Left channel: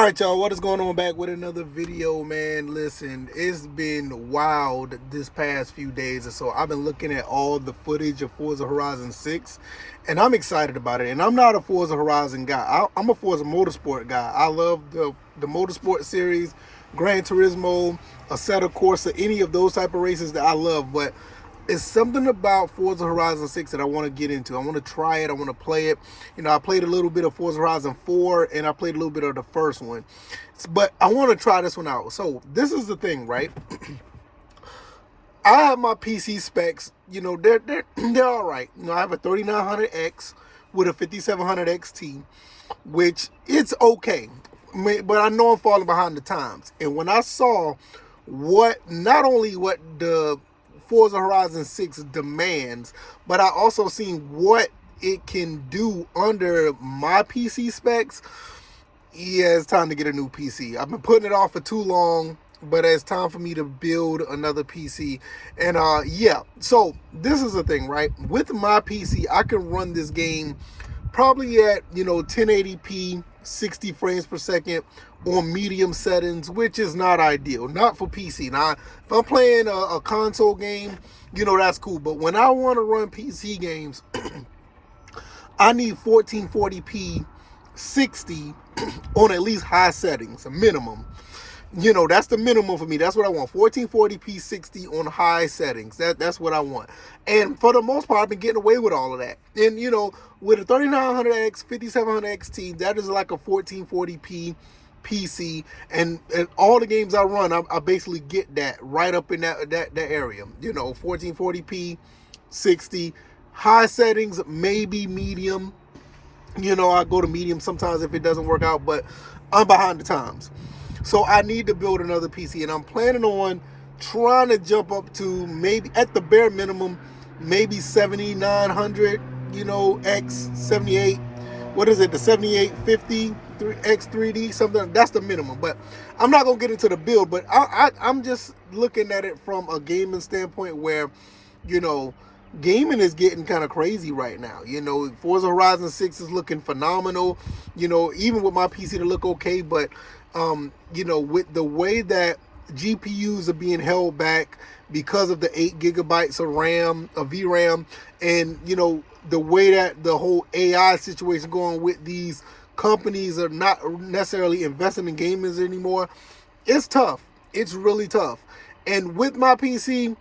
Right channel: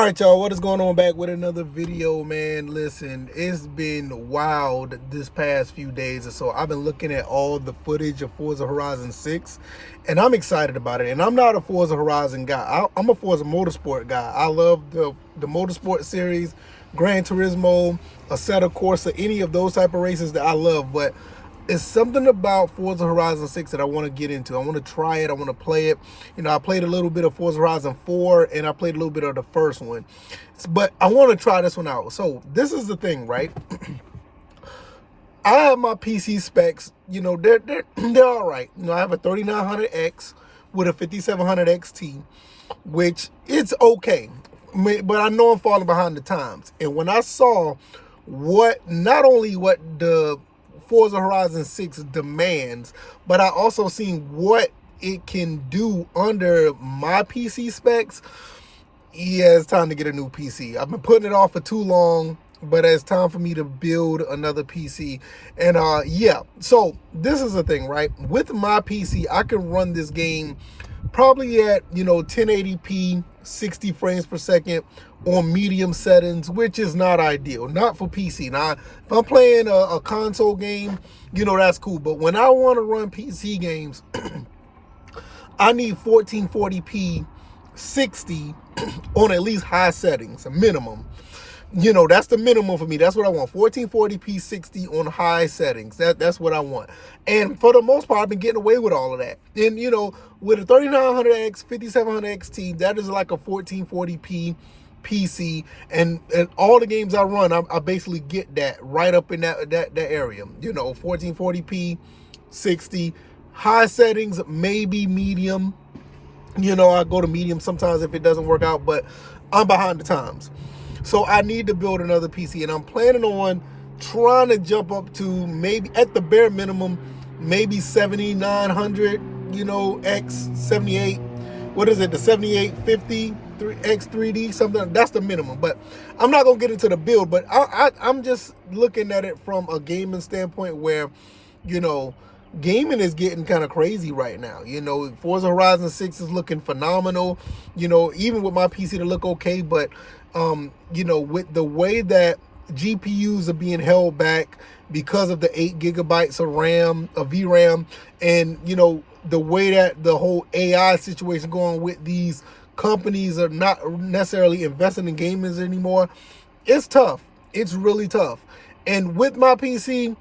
All right, y'all, what is going on? Back with another video, man. Listen, it's been wild this past few days or so. I've been looking at all the footage of Forza Horizon 6, and I'm excited about it. And I'm not a Forza Horizon guy. I'm a Forza Motorsport guy. I love the Motorsport series, Gran Turismo, Assetto Corsa, any of those type of races that I love. But it's something about Forza Horizon 6 that I want to get into. I want to try it. I want to play it. You know, I played a little bit of Forza Horizon 4 and I played a little bit of the first one. But I want to try this one out. So this is the thing, right? I have my PC specs. You know, they're all right. You know, I have a 3900X with a 5700 XT, which it's okay. But I know I'm falling behind the times. And when I saw not only what the Forza Horizon 6 demands, but I also seen what it can do under my PC specs. Yeah, it's time to get a new PC. I've been putting it off for too long, but it's time for me to build another PC. And yeah, so this is the thing, right? With my PC, I can run this game probably at, 1080p, 60 frames per second on medium settings, which is not ideal, not for PC. Now, if I'm playing a console game, that's cool. But when I want to run PC games, I need 1440p 60 on at least high settings, a minimum. That's the minimum for me. That's what I want. 1440p 60 on high settings. That's what I want. And for the most part, I've been getting away with all of that. And, with a 3900X, 5700 XT, that is like a 1440p PC. And all the games I run, I basically get that right up in that area. 1440p 60. High settings, maybe medium. I go to medium sometimes if it doesn't work out, but I'm behind the times. So I need to build another PC, and I'm planning on trying to jump up to maybe, at the bare minimum, maybe 7900, X 78. What is it? The 7850 X3D, something. That's the minimum. But I'm not gonna get into the build. But I'm just looking at it from a gaming standpoint, where, gaming is getting kind of crazy right now. Forza Horizon 6 is looking phenomenal. Even with my PC to look okay, but with the way that GPUs are being held back because of the 8 gigabytes of RAM, of VRAM, and the way that the whole AI situation going with these companies are not necessarily investing in gamers anymore, it's tough. It's really tough. And with my PC,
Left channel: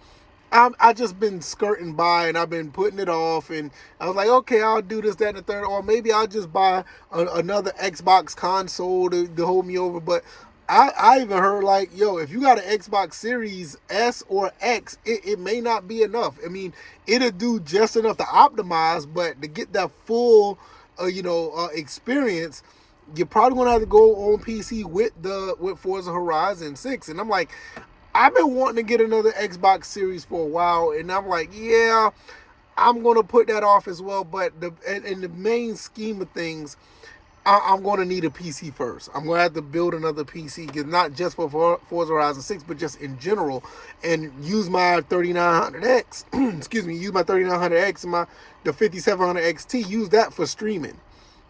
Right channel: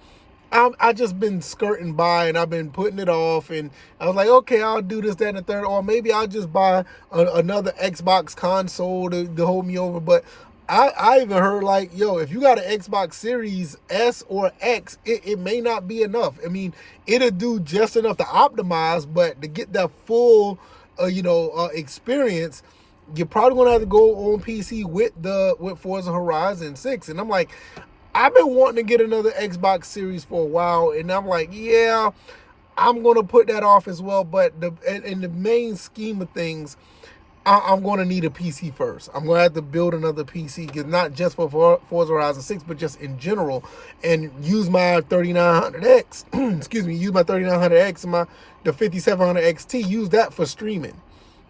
I just been skirting by, and I've been putting it off, and I was like, okay, I'll do this, that, and the third, or maybe I'll just buy another Xbox console to hold me over. But I even heard, like, yo, if you got an Xbox Series S or X, it may not be enough. I mean, it'll do just enough to optimize, but to get that full, experience, you're probably gonna have to go on PC with Forza Horizon 6. And I'm like, I've been wanting to get another Xbox Series for a while, and I'm like, yeah, I'm going to put that off as well. But in the main scheme of things, I'm going to need a PC first. I'm going to have to build another PC, not just for Forza Horizon 6, but just in general, and use my 3900X, excuse me, use my 3900X and the 5700 XT, use that for streaming.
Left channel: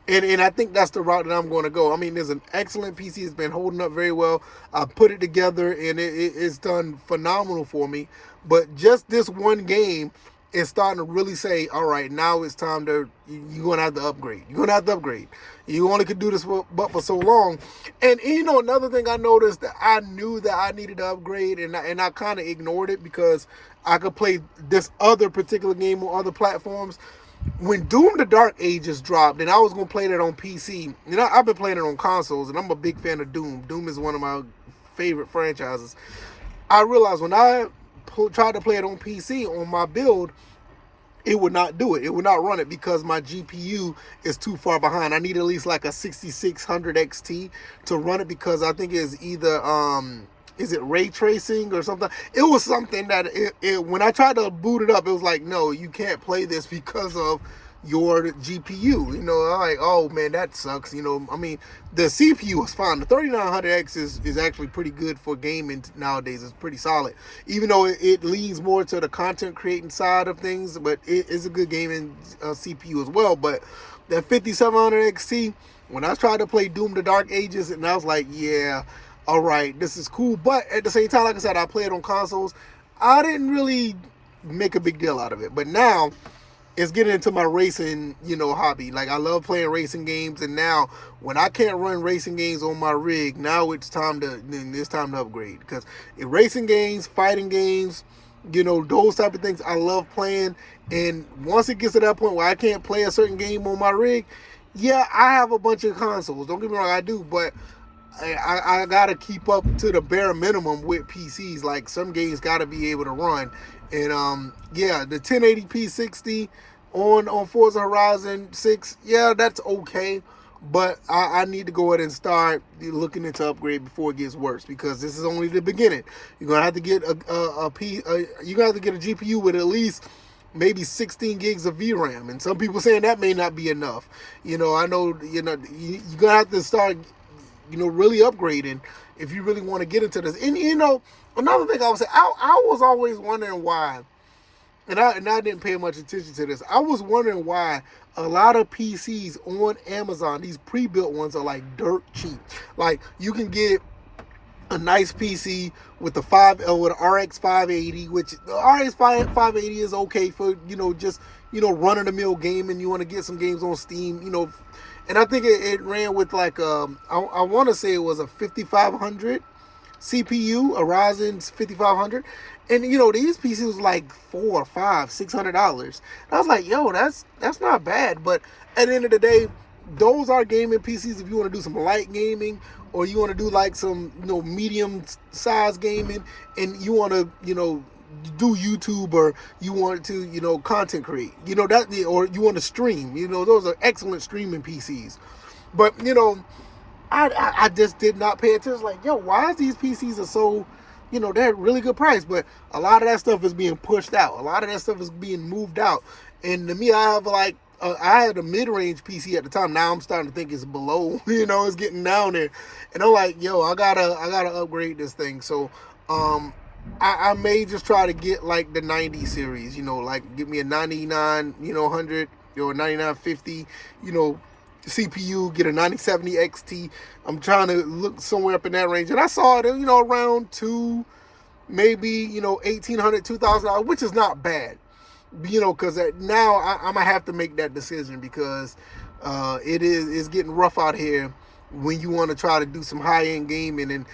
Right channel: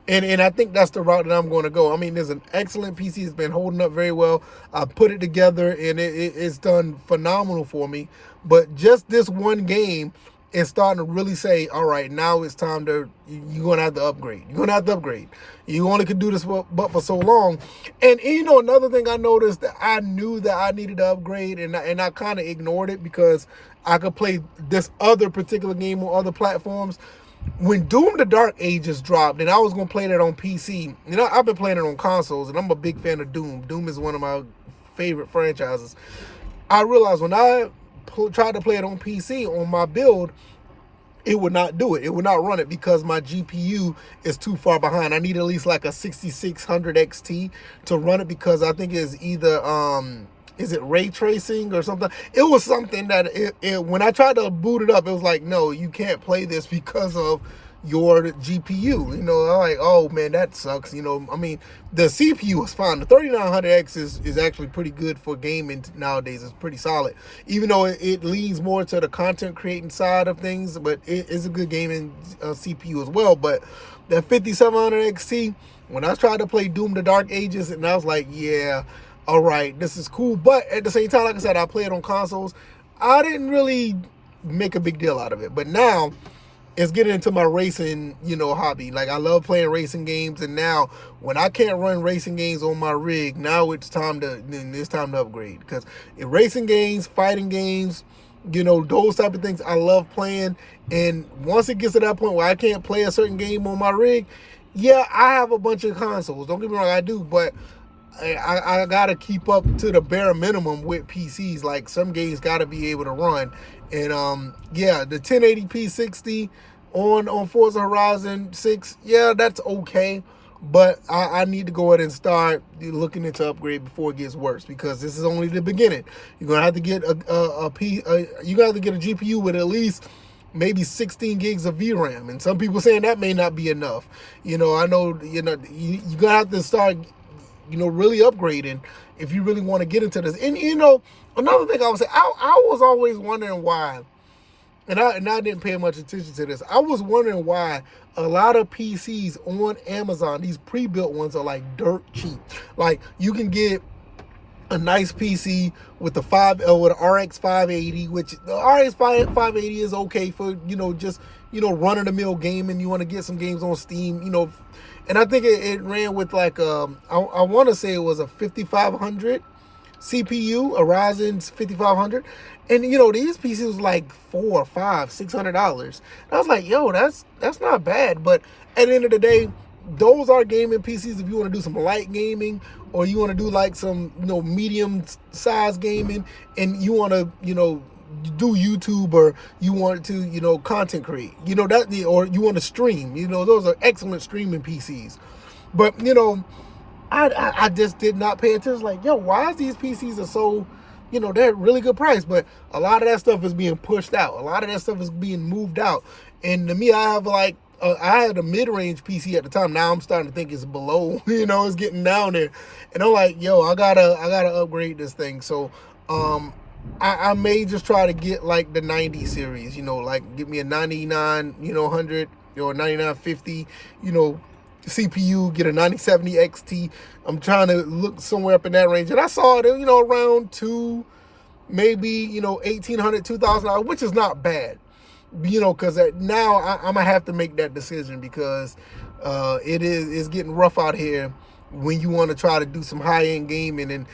And I think that's the route that I'm going to go. I mean, there's an excellent PC. It's been holding up very well. I put it together, and it's done phenomenal for me. But just this one game is starting to really say, all right, now it's time you're going to have to upgrade. You're going to have to upgrade. You only could do this but for so long. And another thing I noticed, that I knew that I needed to upgrade, and I kind of ignored it because I could play this other particular game on other platforms. When Doom the Dark Ages dropped, and I was going to play that on PC, I've been playing it on consoles, and I'm a big fan of Doom. Doom is one of my favorite franchises. I realized when I tried to play it on PC, on my build, it would not do it. It would not run it because my GPU is too far behind. I need at least like a 6600 XT to run it, because I think it's either is it ray tracing or something? It was something that when I tried to boot it up, it was like, no, you can't play this because of your GPU. I'm like, oh man, that sucks. I mean, the CPU is fine. The 3900X is actually pretty good for gaming nowadays. It's pretty solid, even though it leans more to the content creating side of things, but it is a good gaming CPU as well. But that 5700 XT, When I tried to play Doom the Dark Ages, and I was like, yeah, all right, this is cool. But at the same time, like I said, I play it on consoles. I didn't really make a big deal out of it. But now it's getting into my racing, hobby. Like, I love playing racing games, and now when I can't run racing games on my rig, now it's time to upgrade. Because in racing games, fighting games, those type of things I love playing. And once it gets to that point where I can't play a certain game on my rig, yeah, I have a bunch of consoles. Don't get me wrong, I do, but I gotta keep up to the bare minimum with PCs. Like, some games gotta be able to run. And yeah, the 1080p 60 on Forza Horizon 6, yeah, that's okay. But I need to go ahead and start looking into upgrade before it gets worse, because this is only the beginning. You're gonna have to get you got to get a GPU with at least maybe 16 gigs of VRAM, and some people saying that may not be enough. I know you're gonna have to start really upgrading if you really want to get into this. And another thing I would say, I was always wondering why, and I didn't pay much attention to this. I was wondering why a lot of PCs on Amazon, these pre-built ones, are like dirt cheap. Like, you can get a nice PC with the with an RX 580, which the RX 580 is okay for just run of the mill gaming. You want to get some games on Steam, and I think it ran with like I want to say it was a 5500 CPU, a Ryzen's 5500, and these PCs was like $400, $500, $600. I was like, yo, that's not bad. But at the end of the day, those are gaming PCs if you want to do some light gaming, or you want to do like some medium size gaming, and you want to do YouTube, or you want to content create, or you want to stream. Those are excellent streaming PCs. But I just did not pay attention. Like, yo, why is these PCs are so, they're really good price, but a lot of that stuff is being pushed out. A lot of that stuff is being moved out. And to me, I have like, I had a mid-range PC at the time. Now I'm starting to think it's below, it's getting down there. And I'm like, yo, I gotta upgrade this thing. So, I may just try to get like the 90 series, like get me a 99, 100 or 9950, CPU, get a 9070 XT. I'm trying to look somewhere up in that range. And I saw it, around maybe, $1,800, $2,000, which is not bad. Because now I'm going to have to make that decision, because it's getting rough out here when you want to try to do some high-end gaming. And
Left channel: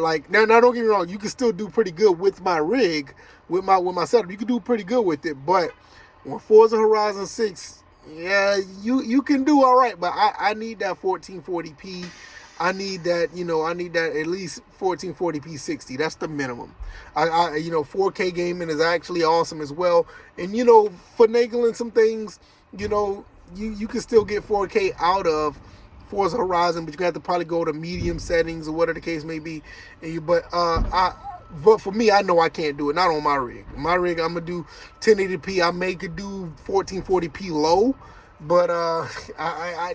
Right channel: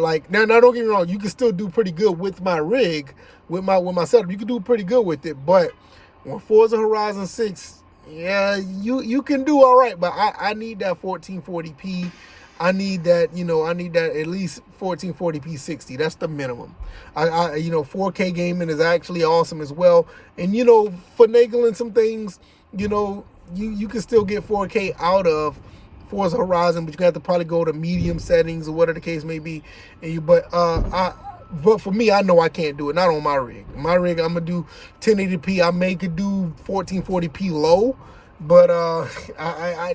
like, now don't get me wrong, you can still do pretty good with my rig, with my setup. You can do pretty good with it. But when Forza Horizon 6, yeah, you can do all right, but I need that 1440p. I need that, I need that at least 1440p 60. That's the minimum. 4K gaming is actually awesome as well. And, finagling some things, you can still get 4K out of Forza Horizon, but you have to probably go to medium settings or whatever the case may be. But for me, I know I can't do it. Not on my rig. My rig, I'm gonna do 1080p. I could do 1440p low, but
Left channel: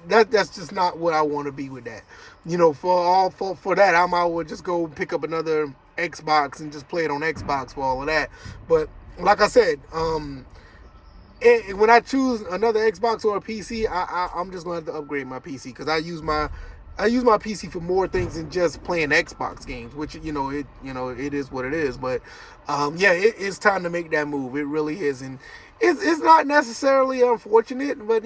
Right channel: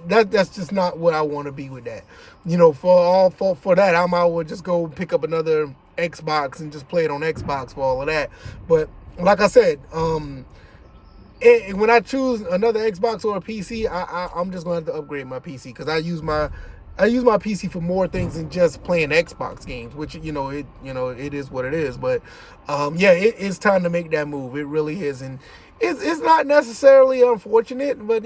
that's just not what I want to be with that. For that, I might well just go pick up another Xbox and just play it on Xbox for all of that. But like I said, when I choose another Xbox or a PC, I'm just gonna have to upgrade my PC, because I use my PC for more things than just playing Xbox games, which it is what it is. But yeah, it's time to make that move. It really is, and it's not necessarily unfortunate, but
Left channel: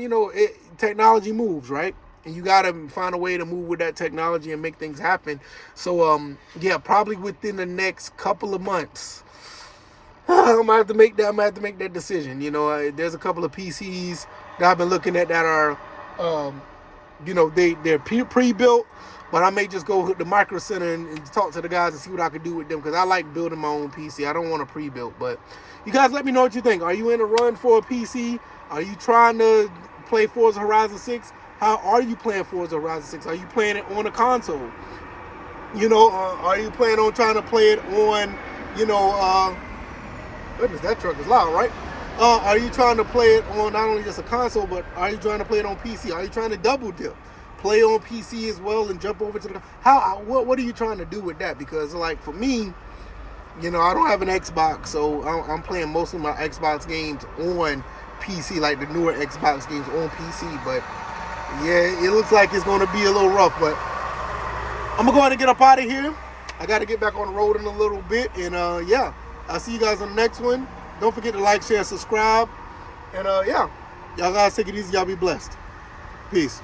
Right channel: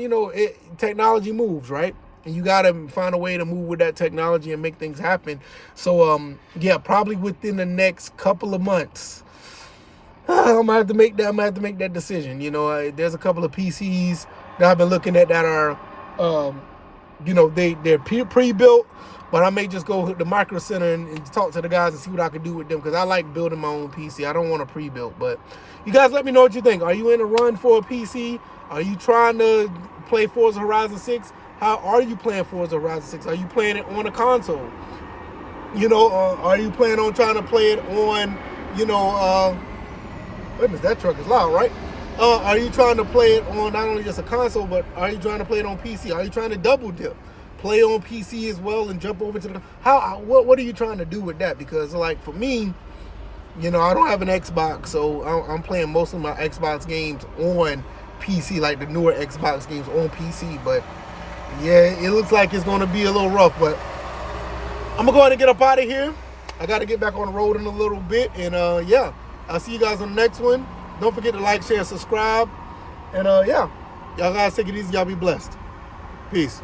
technology moves, right? And you gotta find a way to move with that technology and make things happen. So yeah, probably within the next couple of months, I'm gonna have to make that decision. There's a couple of PCs that I've been looking at that are they're pre-built, but I may just go to the Micro Center and talk to the guys and see what I can do with them, because I like building my own PC. I don't want a pre-built. But you guys, let me know what you think. Are you in a run for a PC? Are you trying to play Forza Horizon 6? How are you playing Forza Horizon 6? Are you playing it on a console? Are you planning on trying to play it on, goodness, that truck is loud, right? Are you trying to play it on not only just a console, but are you trying to play it on PC? Are you trying to double dip, play on PC as well and jump over to the what are you trying to do with that? Because like for me, I don't have an Xbox, so I'm playing most of my Xbox games on PC, like the newer Xbox games on PC. But Yeah, it looks like it's going to be a little rough, but I'm going to go ahead and get up out of here. I got to get back on the road in a little bit. And yeah, I'll see you guys on the next one. Don't forget to like, share, subscribe. And yeah, y'all guys take it easy. Y'all be blessed. Peace.